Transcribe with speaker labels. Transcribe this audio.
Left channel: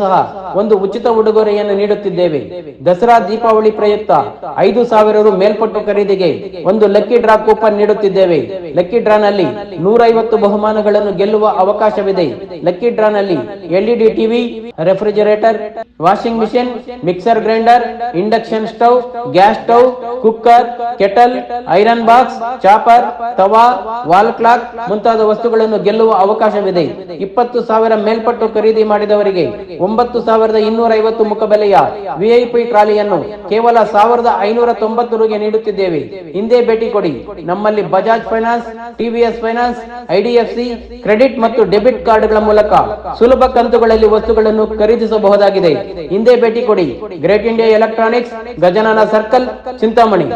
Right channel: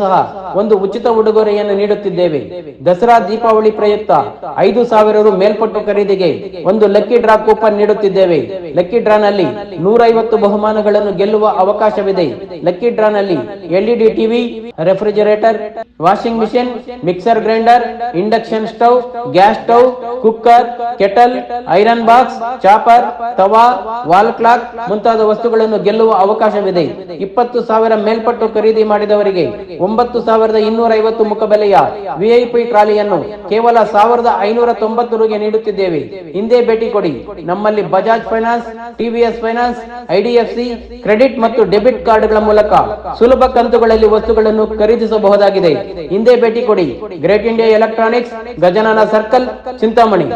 Speaker 1: ಸಹ ಒಂದು ಉಚಿತ ಉಡುಗೊರೆಯನ್ನು ನೀಡುತ್ತಿದ್ದೇವೆ. ದಸರಾ ದೀಪಾವಳಿ ಪ್ರಯುಕ್ತ ಐದು ಸಾವಿರ ರು ಮೇಲ್ಪಟ್ಟು ಖರೀದಿಗೆ ಒಂದು ಲಕ್ಕಿ ಡ್ರಾ ಕೂಪನ್ ನೀಡುತ್ತಿದ್ದೇವೆ. ಲಕ್ಕಿ ಡ್ರಾ ನಲ್ಲಿ ನೂರೈವತ್ತು ಬಹುಮಾನಗಳನ್ನು ಗೆಲ್ಲುವ ಅವಕಾಶವಿದೆ. ಲಕ್ಕಿ ಡ್ರಾ ನಲ್ಲಿ LED TV, refrigerator, washing machine, mixer grinder, induction stove, gas stove, cooker, kettle, iron box, chopper, tawa, wall clock ಮುಂತಾದ ವಸ್ತುಗಳನ್ನು ಗೆಲ್ಲುವ ಅವಕಾಶವಿದೆ. ಇಪ್ಪತ್ತು ಸಾವಿರ ಮೇಲ್ಪಟ್ಟು ಖರೀದಿ ಮಾಡಿದವರಿಗೆ ಒಂಬತ್ತು ಸಾವಿರದ ಇನ್ನೂರ ಐವತ್ತು ಮುಖಬೆಲೆಯ ವಿಐಪಿ ಟ್ರಾಲಿಯನ್ನು ಕೇವಲ ಸಾವಿರದ ಐನೂರ ತೊಂಬತ್ತು ರುಗೆ ನೀಡುತ್ತಿದ್ದೇವೆ. ಹಿಂದೆ ಭೇಟಿ ಕೊಡಿ. ನಮ್ಮಲ್ಲಿ Bajaj finance TVS finance IDFC credit ಮತ್ತು ಡೆಬಿಟ್ ಕಾರ್ಡ್ಗಳ ಮೂಲಕ ಸುಲಭ ಕಂತುಗಳಲ್ಲಿ ವಸ್ತುಗಳನ್ನು ಖರೀದಿಸಬಹುದಾಗಿದೆ. ಹಿಂದೆ ಭೇಟಿ ಕೊಡಿ. Great India Electronics, Gajanana circle, Chintamani.